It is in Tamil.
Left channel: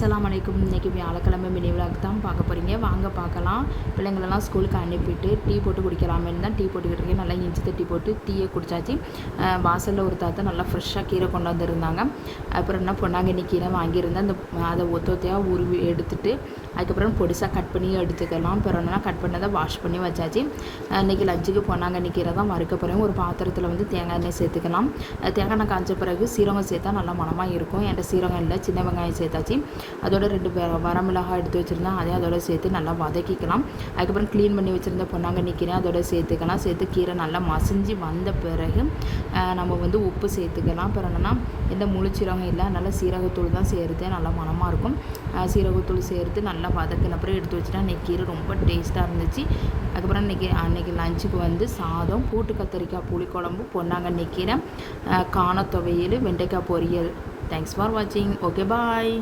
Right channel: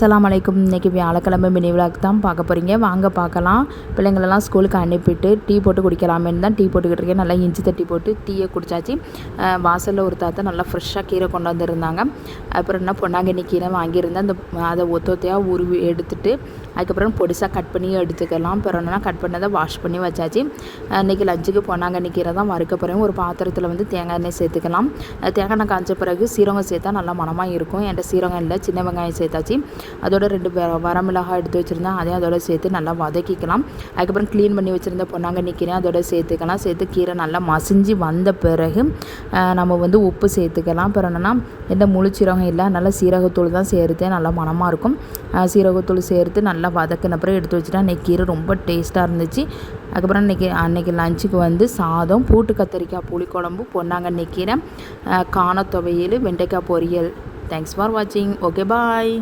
அஸ்ஸலாமு அலைக்கும். இன்றைக்கி வியாழக்கிழமை மினி விளாக் தான் பார்க்க போகிறீங்க. வாங்க பார்க்கலாம். பிள்ளைங்களெல்லாம் ஸ்கூலுக்கு அனுப்பிட்டு டீ போட்டு குடிக்கலாமேன்னு தான் டீ போட்டுக்கிட்டு இருக்கேன். நல்லா இஞ்சி தட்டி போட்டு டீயை குடித்தாச்சு. வாசலில் ஒரு தாத்தா நல்லா ஃப்ரெஷ்ஷாக கீரை கொண்டு வந்திருந்தாங்க. அப்புறம் என்ன பொன்னாங்கண்ணி கீரை வாங்கியிருந்தேன். அதை ஒத்தையாக உருவி எடுத்துட்டு அதுக்கப்புறம் பொடிசாக கட் பண்ணி எடுத்துக்கலாம். அப்புறம் என்னென்னா கட் பண்ணதை வாஷ் பண்ணி வச்சாச்சு. இன்றைக்கி லஞ்சுக்கு பொன்னாங்கண்ணி கீரை தான் வறுக்க போகிறேன். ஒரு பாத்திரத்தில் வந்து தேங்காய் எண்ணெய் சேர்த்துக்கலாம். தேங்காய் எண்ணெய் காய்ச்ச பிறகு சீரகம் சேர்த்தா நல்லா மணமாக இருக்கும். என்கிட்ட சீரகம் இல்லை, சின்ன வெங்காயம் சேர்த்தாச்சு. அதோட 2 வரமிளகாய் எடுத்து வச்சுருந்தேன், அதையும் அதோட சேர்த்து நல்லா வதக்கிக்கலாம். அதுக்கப்புறம் க்ளீன் பண்ணி வச்சுருந்த பொன்னாங்கண்ணி கீரை அதோட சேர்த்துக்கலாம். சேர்த்து கீரை நல்லா மசிஞ்சு வந்த பிறகு நம்ம வந்து உப்பு சேர்த்துக்கலாம். அப்புறம் என்னென்னா எந்த முழு சீரகம் இல்லை, நல்லா சீரகத்தூள் தான் சேர்த்தேன், நல்லா மணமாக இருக்கும். சீரகத்தூள் சேர்த்து நல்லா வதக்கின அப்புறம் எடுத்து வச்சுட்டா அன்றைக்கி கீரை ரொம்ப டேஸ்ட்டாக இருந்துச்சு. அதுக்கப்புறம் அன்றைக்கி லஞ்சுக்கு வந்து சாதம், பூட்டு கத்திரிக்காய் புளிக்குழம்பு, பொன்னாங்கண்ணி கீரை, காண துவையல், வெண்டைக்காய் பொரியல். தேங்க்ஸ் ஃபார் வாட்சிங். ஓகே, பாய்.